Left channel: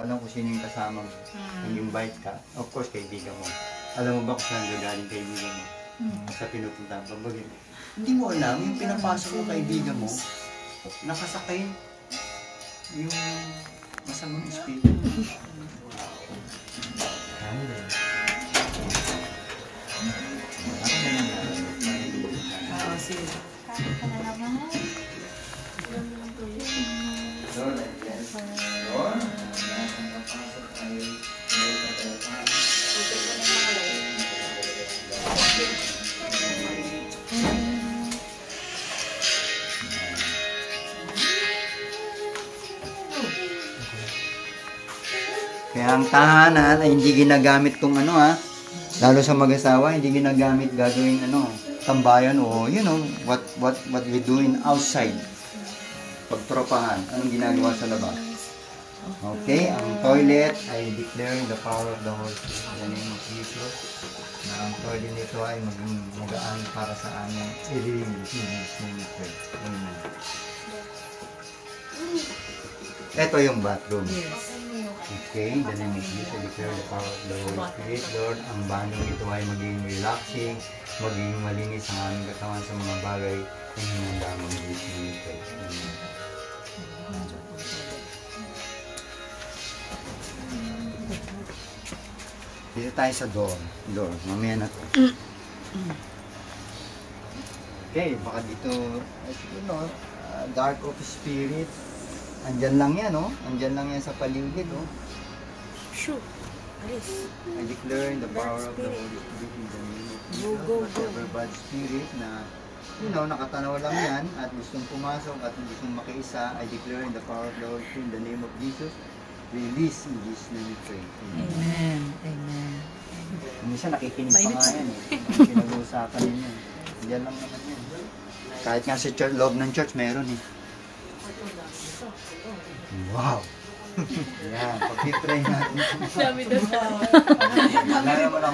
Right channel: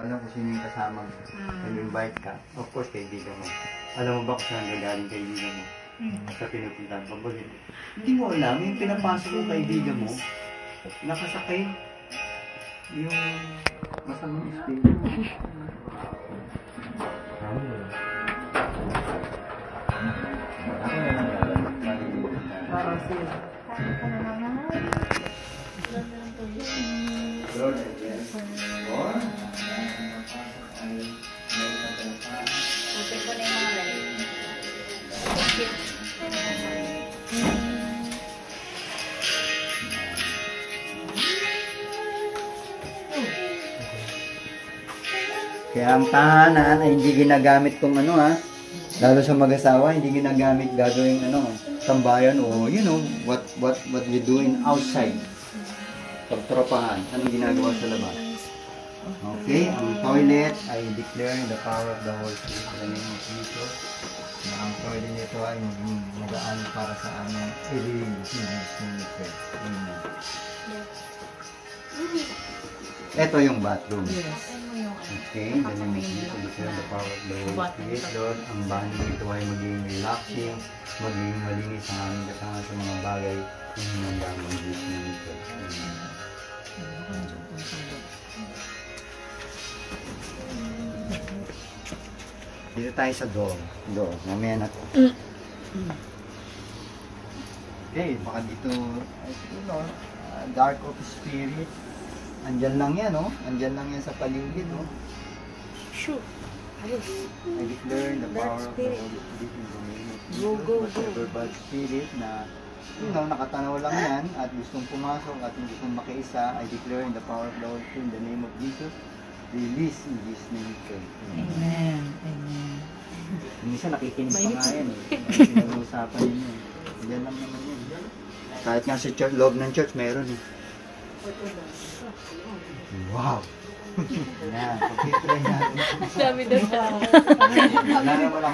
Alam ko sino yung kasama mo. Nag-invite ka. Of course, kaibigan mo. Alam mo ba kung saan gagaling kaibigan mo? Sa pinupuntahan ka. Hindi mo alam, yung pinapasok mo kaibigan mo, nakasakay yung masamang espiritu. Kaya ang tahanan ay hindi ginagamit tong ano lalo sa mag-asawa, hindi ginagamit gagawing tambayan o what we do in outside. Pagtropahan, anong ginagawa sa labas? Okay, ang toilet ay declaring the power of the Holy Spirit in the name of Jesus. Na ang toilet nito ay maging magaan para sa amin. Ito yung bathroom. Okay, the name of Jesus, declare the power of the Holy Spirit. Lord, ang banyo ito ay maging relaxing, maging malinis ang aming katawan sa mga bagay na hinanda mo ng Jesus nito. Dito tayo sa door. Mamaya na to. Okay, baka dito, dark of spirit. Andyan lang yan, Andyan lang yan sa paligid, Sure. Alis. I declare in the power of the Holy Spirit in the name of Jesus. Whatever bad spirit na, nakatanaw lang yan at gustong pumasok at hindi kong makiisa, I declare in the power of the Holy Spirit in the name of Jesus. Release in Jesus' name we pray. Amen. Amen. Minsan nakikinig pa nga yan, pinag-uusapan ninyo. Diyan lang naman yan. Kahit nga sa church, loob ng church, meron Wow! Yan, pag-pray natin. Dami doon.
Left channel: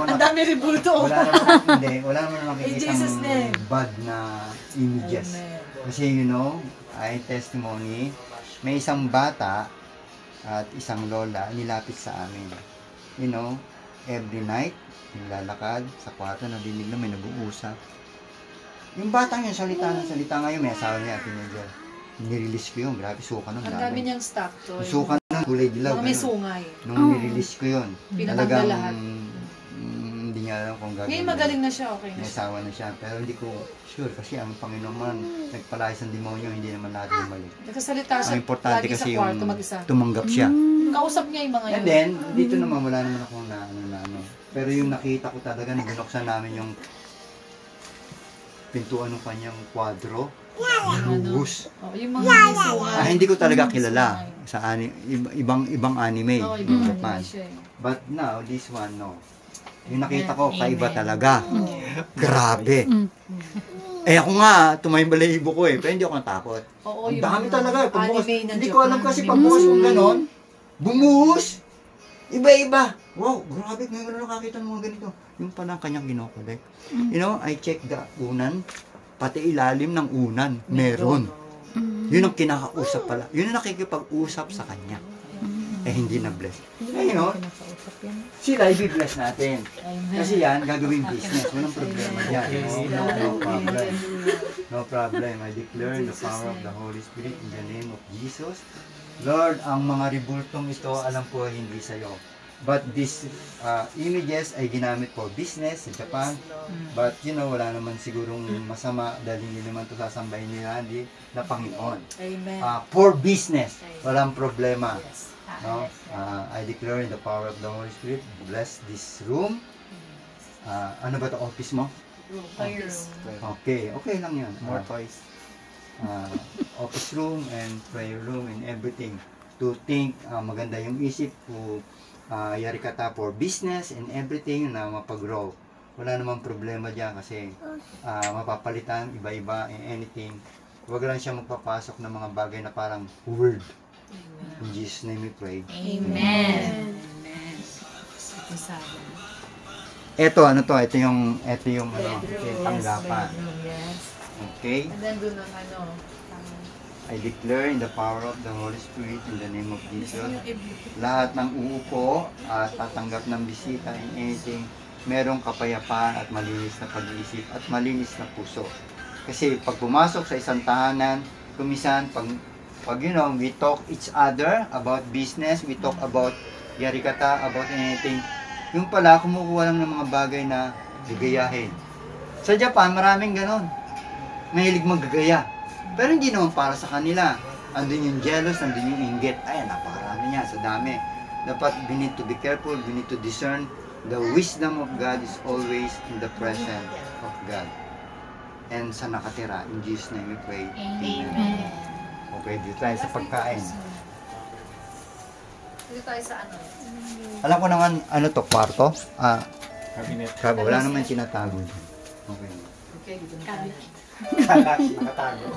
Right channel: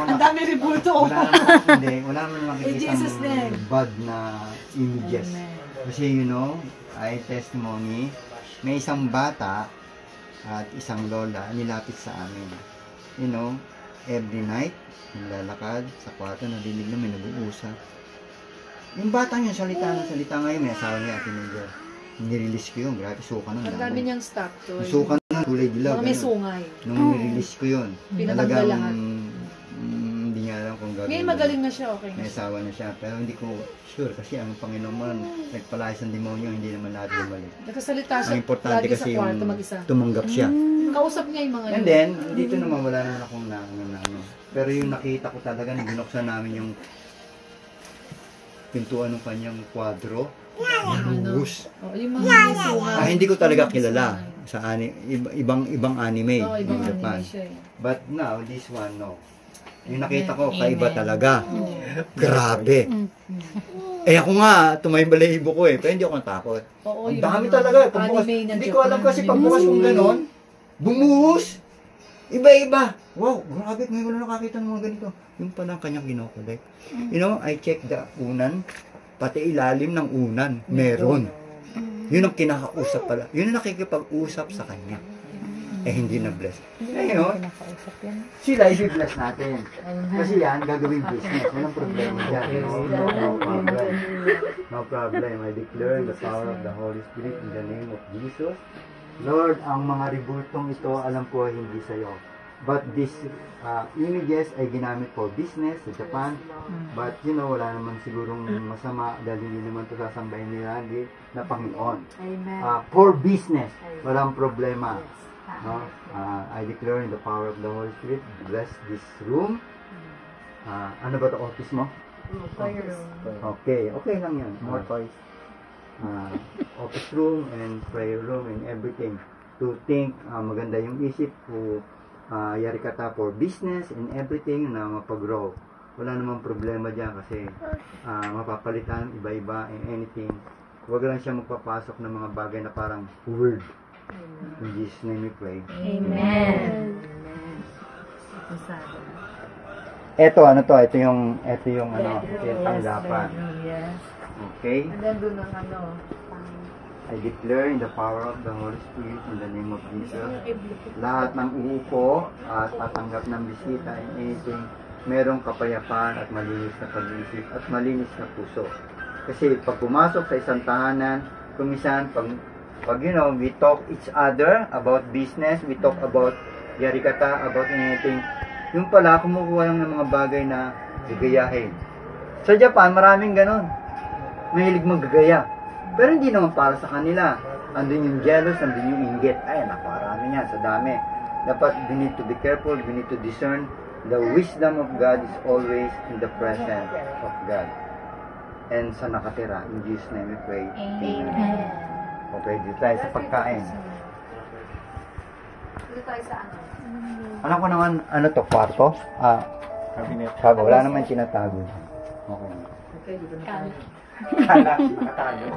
Ang dami ribulto. Wala naman nakikita bad na images. Kasi ay testimony, may isang bata at isang lola nilapit sa amin. Every night, nilalakad sa kwarto, nadinig na may nag-uusap. Yung bata yun, salita ngayon, may asawa niya, teenager. Nirelease ko yun, grabe, suka ng dami. Ang dami niyang stock to. Suka ng kulay dilaw. May sungay. Nung nirelease ko yun, pinatanggal lahat. Hindi niya alam kung gagawin. Ngayon magaling na siya, okay na may asawa na siya, pero hindi ko sure kasi ang Panginoon nagpalayas ng demonyo, hindi naman lahat bumalik. Nagkasalita siya, ang importante lagi kasi sa kwarto mag-isa. Tumanggap siya. Kausap niya yung mga yun. And then, dito naman wala naman akong pero yung nakita ko talaga na binuksan namin yung pintuan ng kanyang kwadro. Buhos. Yung mga may sungay. Hindi ko talaga kilala sa ibang anime ibang Japan. Anime siya, But now, this one, yung nakita ko, kaiba talaga. Grabe. Ako nga, tumayo-balahibo ko pero hindi ako natakot. Ang dami talaga. Hindi ko alam kasi pagbukas kong ganon, bumuhos. Iba-iba. Wow, grabe. Ngayon ko na nakakita ng mga ganito. Yung palang kanyang ginokolek. I check the unan, pati ilalim ng unan. Meron. Yun ang kinakausap pala. Yun ang nakikipag-usap sa kanya. Hindi na-bless. Sila i-bless natin. Kasi yan, gagawing business. Walang problema yan. No problem. I declare the power of the Holy Spirit in the name of Jesus. Lord, ang mga ribultong ito, alam ko hindi sa'yo. But these images ay ginamit for business sa Japan. But wala naman sigurong masama dahil hindi naman ito sasambahin nila na Panginoon. For business, walang problema. I declare in the power of the Holy Spirit, bless this room. Ano ba ito, office mo? Okay lang yan. More toys. Office room and prayer room and everything. To think, maganda yung isip ko, yarikata for business and everything na mapag-grow. Wala namang problema dyan kasi mapapalitan, iba-iba and anything. Huwag lang siya magpapasok ng mga bagay na parang word. In Jesus' name we pray. Amen. Ito yung tanggapan. Okay? And then doon ang I declare in the power of the Holy Spirit in the name of Jesus, lahat ng uupo at tatanggap ng bisita in anything, merong kapayapaan at malinis na pag-iisip at malinis na puso. Kasi pag pumasok sa isang tahanan, kumisan, pag we talk each other about business, we talk about yarikata, about anything, yung pala, kumukuha lang ng mga bagay na gagayahin. Sa Japan, maraming ganon. Mahilig maggagaya. Pero hindi naman para sa kanila. Andun yung jealous, andun yung inggit. Ay, napakarami niya, sa dami. Dapat, we need to be careful, we need to discern. The wisdom of God is always in the presence of God. And sa nakatira, in Jesus' name we pray. Amen. Okay, dito tayo sa pagkain. Dito tayo sa ano? Alam ko naman, ano to, kwarto? Cabinet. Wala naman tinatago. Okay. Okay, dito na tayo. Kala, nakatago.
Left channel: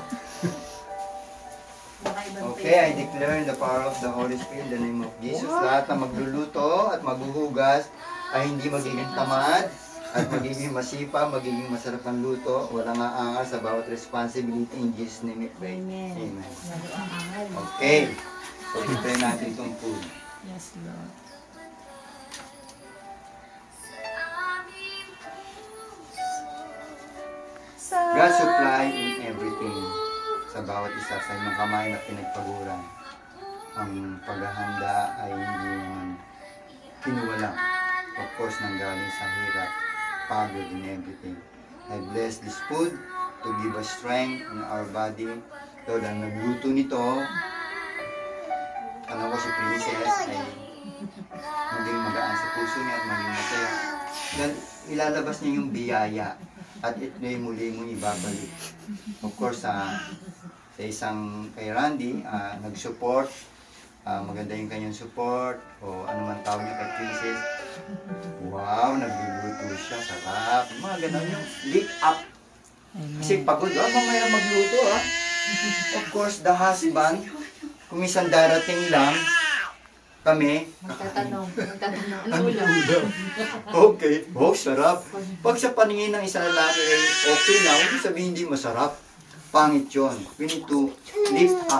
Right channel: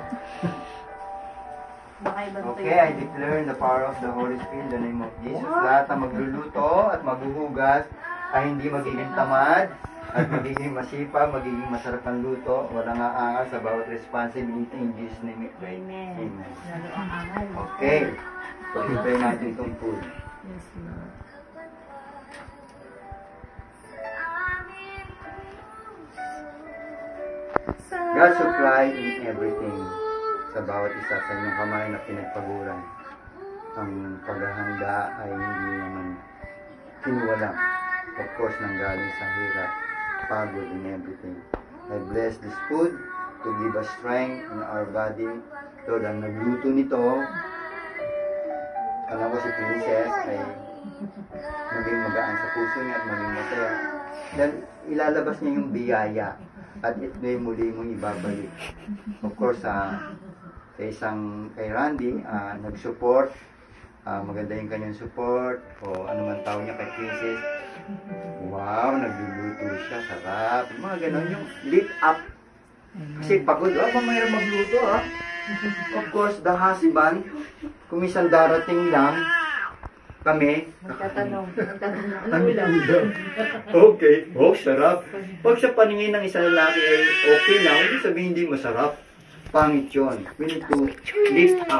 Okay, I declare in the power of the Holy Spirit in the name of Jesus, lahat na magluluto at maghuhugas ay hindi magiging tamad at magiging masipag, magiging masarap ang luto, walang aangal sa bawat responsibility in Jesus' name we pray. Amen. Okay, so prepare natin itong food. Yes, Lord. God supply in everything sa bawat isa sa inyong kamay na pinagpaguran. Ang paghahanda ay hindi naman kinuwala. Of course, nanggaling sa hirap, pagod in everything. I bless this food to give us strength in our body. Lord, ang nagluto nito, alam ko si Princess ay maging magaan sa puso niya at maging masaya. Dahil ilalabas niya yung biyaya at muli mong ibabalik. Of course, sa isang kay Randy, nag-support, maganda yung kanyang support, o ano man tawag niya kay Princess. Wow, nagluluto siya, sarap. Mga ganon yung lift up. Kasi pagod, mahirap magluto Of course, the husband, kung isang darating lang, kami, Magtatanong, ano ulam? Okay, sarap. Pag sa paningin ng isang lalaki ay okay lang, hindi sabihin hindi masarap. Pangit yun. We need to lift up.